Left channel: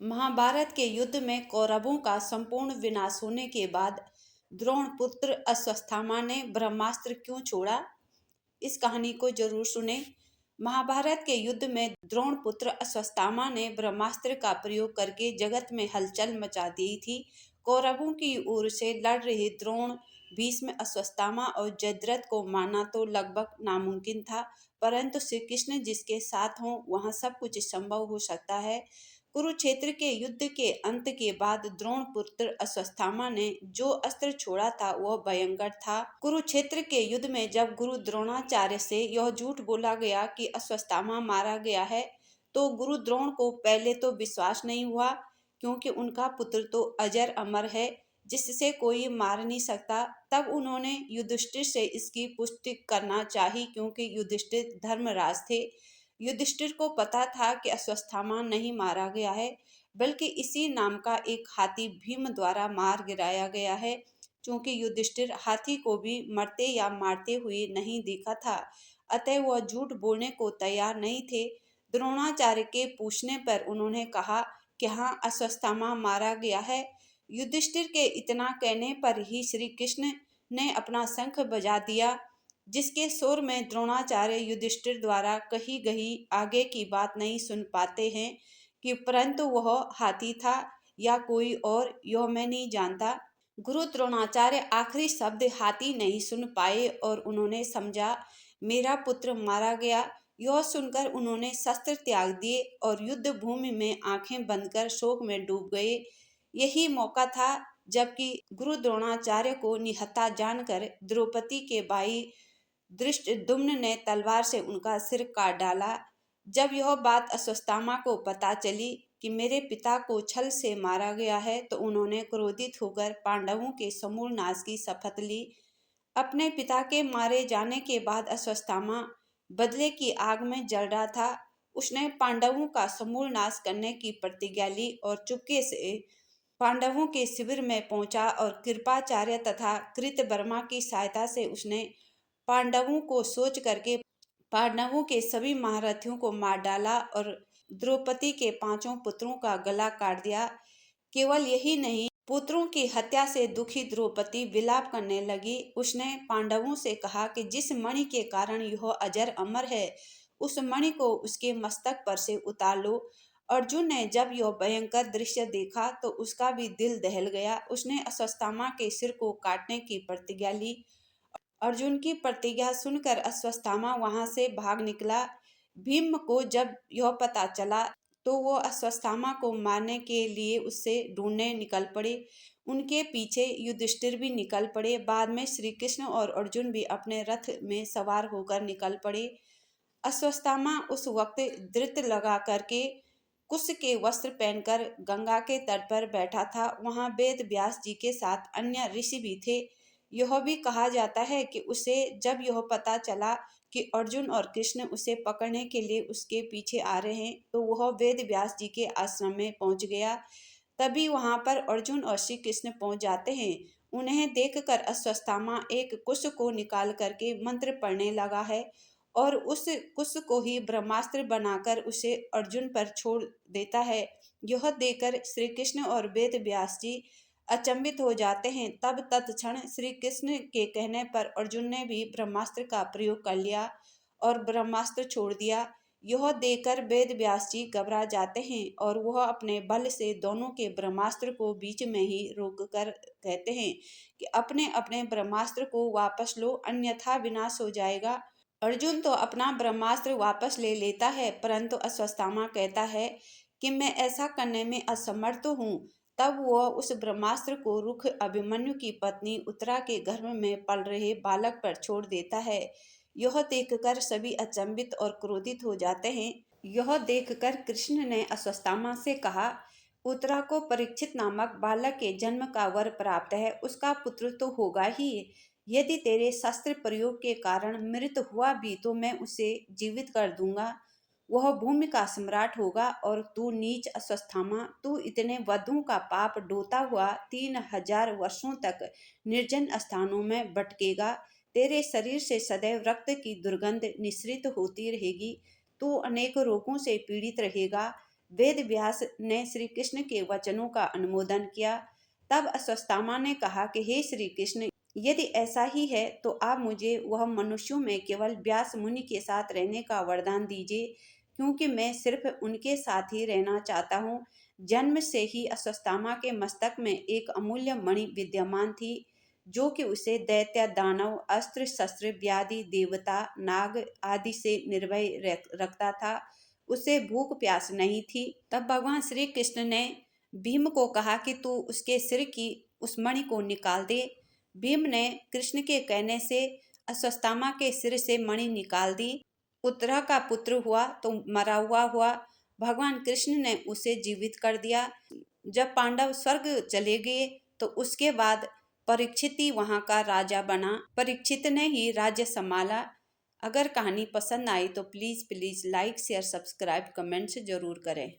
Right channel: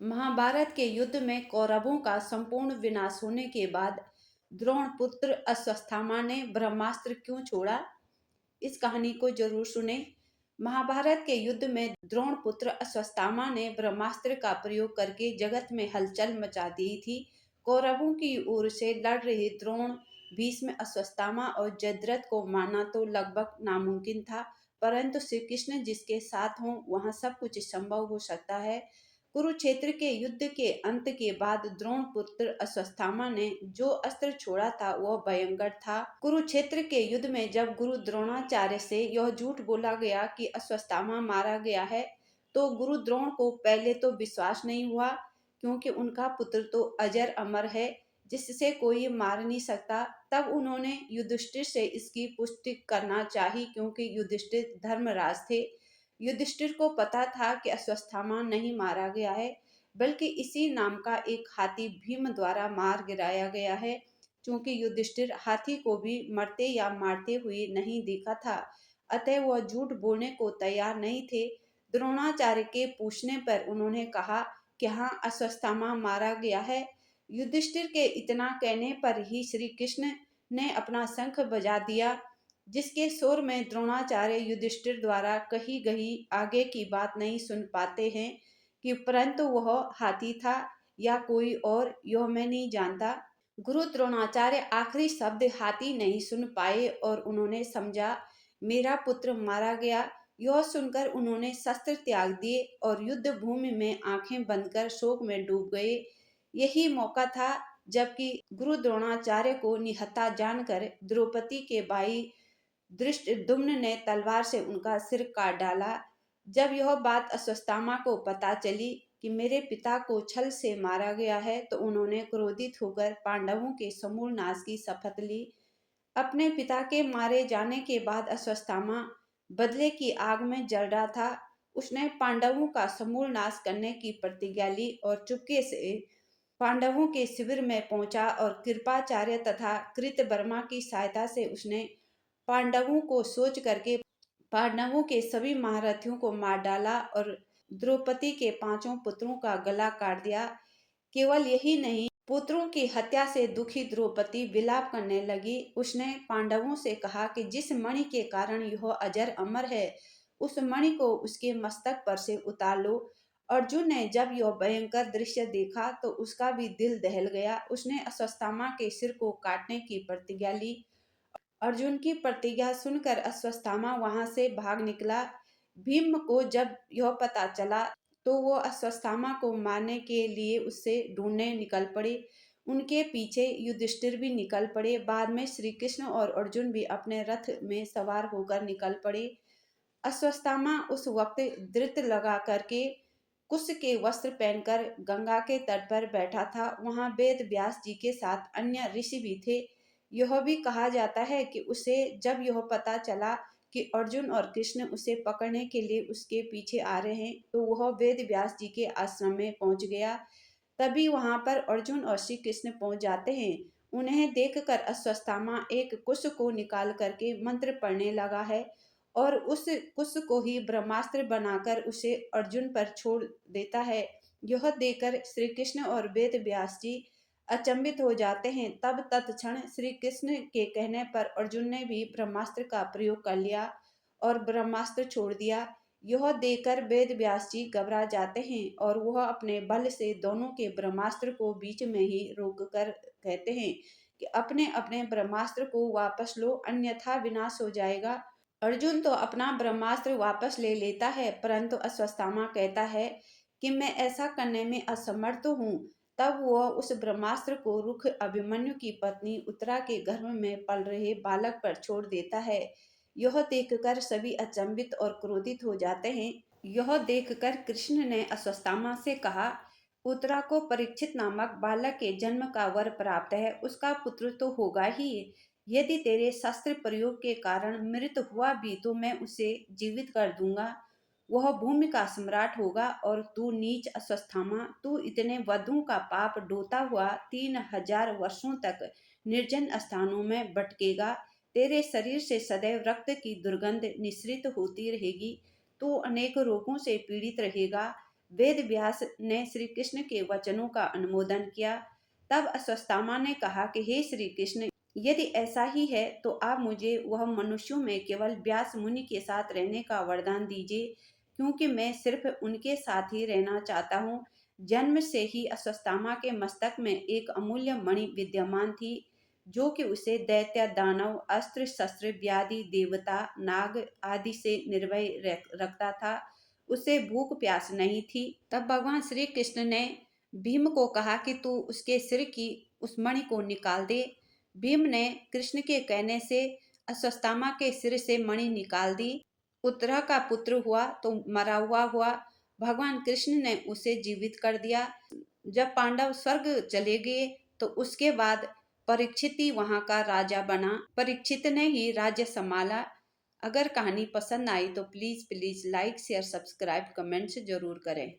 महाभारत के युद्ध में कौरवों का संपूर्ण विनाश होने के बाद द्रोण पुत्र अश्वत्थामा ने ब्रह्मास्त्र क्यों छोड़ा? इस कहानी को जरूर सुने। महाभारत के युद्ध में द्रोण पुत्र अश्वत्थामा ने ब्रह्मास्त्र का प्रयोग करके जगत में हलचल मचा दी थी। कौरवों की ओर से लड़ रहे द्रोण, भीष्म, अश्वत्थामा और जयद्रथ को मारना तो लगभग नामुमकिन था, परंतु श्री कृष्ण जिसके साथ हों वहां सब कुछ संभव हो सकता है। कुरुक्षेत्र के युद्ध के अंत के बाद द्रोण पुत्र अश्वत्थामा ने जो अस्त्र छोड़ा था वह भयंकर था। कुरुक्षेत्र के युद्ध में जब गुरु द्रोणाचार्य से यह झूठ बोला गया कि अश्वत्थामा मारा गया है, तो गुरु द्रोण को पहले तो विश्वास नहीं हुआ, क्योंकि उनका पुत्र तो अजर अमर है जिससे कोई मार नहीं सकता। तब उन्होंने युधिष्ठिर से इसकी पुष्टि करना चाही, क्योंकि युधिष्ठिर धर्मराज थे। युधिष्ठिर को पता था कि अश्वत्थामा नहीं मारा गया है, बल्कि इसी नाम का एक हाथी भीम द्वारा मार गिराया गया है। क्योंकि युधिष्ठिर हाथी को भी मरते या मारते हुए नहीं देखा था, अतः वह झूठ बोलने को तैयार नहीं थे। द्रोणाचार्य के पूछने पर उन्होंने कहा कि हाँ, अश्वत्थामा मारा गया है। युधिष्ठिर के इतना कहने पर ही श्री कृष्ण ने अपना शंख बजा दिया, जिसके शोर में द्रोणाचार्य युधिष्ठिर द्वारा कही गई आगे की बात नहीं सुन पाते हैं कि परंतु वह हाथी था या कोई और, यह मैं नहीं जानता। गुरु द्रोणाचार्य आखिरी शब्द हाथी नहीं सुन पाए और उन्होंने समझा मेरा पुत्र मारा गया। यह सुनकर उन्होंने शस्त्र त्याग दिए और युद्ध भूमि में आंखें बंद कर शोक में डूब गए। यही मौका था जबकि गुरु द्रोणाचार्य को निहत्था जानकर द्रौपदी के भाई धृष्टद्युम्न ने तलवार से उनका सिर काट डाला। जब यह बात अश्वत्थामा को पता चली कि मेरे पिता को छल से मारा गया है, तो उन्होंने क्रोधित होकर पांडवों के समूल नाश की शपथ ली। अपने पिता के मारे जाने के बाद अश्वत्थामा बदले की आग में जल रहा था। उसने पांडवों का समूल नाश करने की प्रतिज्ञा ली और चुपके से पांडवों के शिविर में पहुंचा और कृपाचार्य तथा कृतवर्मा की सहायता से उसने पांडवों को सोच करके पांडवों के सभी महारथियों को मार डाला और द्रौपदी के पांचों पुत्रों का गला काट दिया। केवल यही नहीं, पुत्रों की हत्या से दुखी द्रौपदी विलाप करने लगी। उसने पांडवों से कहा कि जिस मणि के कारण यह अजर अमर है, उस मणि को उसके मस्तक पर से उतार लो। अर्जुन ने जब यह भयंकर दृश्य देखा तो उसका भी दिल दहल गया। उसने अश्वत्थामा के सिर को काटने की प्रतिज्ञा ली। अर्जुन की प्रतिज्ञा सुनकर अश्वत्थामा वहां से भाग निकला। भीम को जब यह पता चला तो वो अश्वत्थामा को मारने के लिए उससे ढूंढने निकल पड़े। उनके पीछे युधिष्ठिर भी निकल पड़े। बाद में श्री कृष्ण और अर्जुन भी अपने रथ में सवार होकर निकल पड़े। अश्वत्थामा उस वक्त धृत लगा करके कुश के वस्त्र पहनकर गंगा के तट पर बैठा था। वहां वेद व्यास जी के साथ अन्य ऋषि भी थे। यह भी कहा जाता है कि उसे जब यह पता चला कि अर्जुन और कृष्ण उसे पकड़ने के लिए उसके पीछे आ रहे हैं, तो वह वेद व्यास जी के आश्रम में पहुंच गया। तभी वहां पर अर्जुन और श्री कृष्ण पहुंच जाते हैं। उन्हें देखकर अश्वत्थामा एक कुश को निकाल करके मंत्र पढ़ने लगा है और उस कुश को ही ब्रह्मास्त्र बनाकर उसे अर्जुन पर छोड़ देता है। यह देखकर श्री कृष्ण और वेद व्यास जी अचंभित हो जाते हैं। तब तत्क्षण श्री कृष्ण के कहने पर अर्जुन ने भी ब्रह्मास्त्र का प्रयोग कर लिया और ब्रह्मास्त्र छोड़ दिया। यह देखकर वेद व्यास जी घबरा जाते हैं और वह अपने बल से दोनों के ब्रह्मास्त्र को बीच में ही रोक कर कहते हैं कि अपने अपने ब्रह्मास्त्र को वापस लो, अन्यथा विनाश हो जाएगा। अर्जुन तो अपना ब्रह्मास्त्र वापस ले लेता है, परंतु अश्वत्थामा कहता है कि मैं ऐसा करने में असमर्थ हूँ। तब वह उस ब्रह्मास्त्र को रुख अभिमन्यु की पत्नी उत्तरा के गर्भ में पल रहे बालक पर छोड़ देता है। यह देखकर सभी अचंभित और क्रोधित हो जाते हैं। यह देखकर कृष्ण ने अश्वत्थामा से कहा, उत्तरा को परीक्षित नामक बालक के जन्म का वर प्राप्त है, उसका पुत्र तो होगा ही। यदि तेरे शस्त्र प्रयोग के कारण मृत हुआ भी तो मैं उसे जीवित कर दूंगा। वह भूमि का सम्राट होगा और तू नीच अश्वत्थामा, तू इतने वधुओं का पाप ढोता हुआ 3000 वर्षों तक निर्जन स्थानों में भटकेगा। तेरे शरीर से सदैव रक्त की दुर्गंध निश्रित होती रहेगी। तू अनेक रोगों से पीड़ित रहेगा। वेद व्यास ने श्री कृष्ण के वचनों का अनुमोदन किया। तब अश्वत्थामा ने कहा कि हे श्री कृष्ण, यदि ऐसा ही है तो आप मुझे वह मनुष्यों में केवल व्यास मुनि के साथ रहने का वरदान दीजिए, क्योंकि मैं सिर्फ उनके साथ ही रहना चाहता हूँ। जन्म से ही अश्वत्थामा के मस्तक में एक अमूल्य मणि विद्यमान थी, जो कि उसे दैत्य, दानव, अस्त्र शस्त्र, व्याधि, देवता, नाग आदि से निर्भय रखता था। उसे भूख प्यास नहीं थी। तब भगवान श्री कृष्ण ने भीम को कहा कि तू उसके सिर की उस मणि को निकाल दे। भीम ने कृष्ण के कहने से अश्वत्थामा के सिर से मणि निकाल दी। पुत्र का पुत्र हुआ तो मरा हुआ हुआ। भगवान कृष्ण ने उसे जीवित कर दिया। जब पांडव स्वर्ग चले गए तो उसके बाद परीक्षित ही वहां का राजा बना। परीक्षित ने ही राज्य संभाला। अगर कहानी पसंद आई तो please please like share subscribe comments जरूर करें।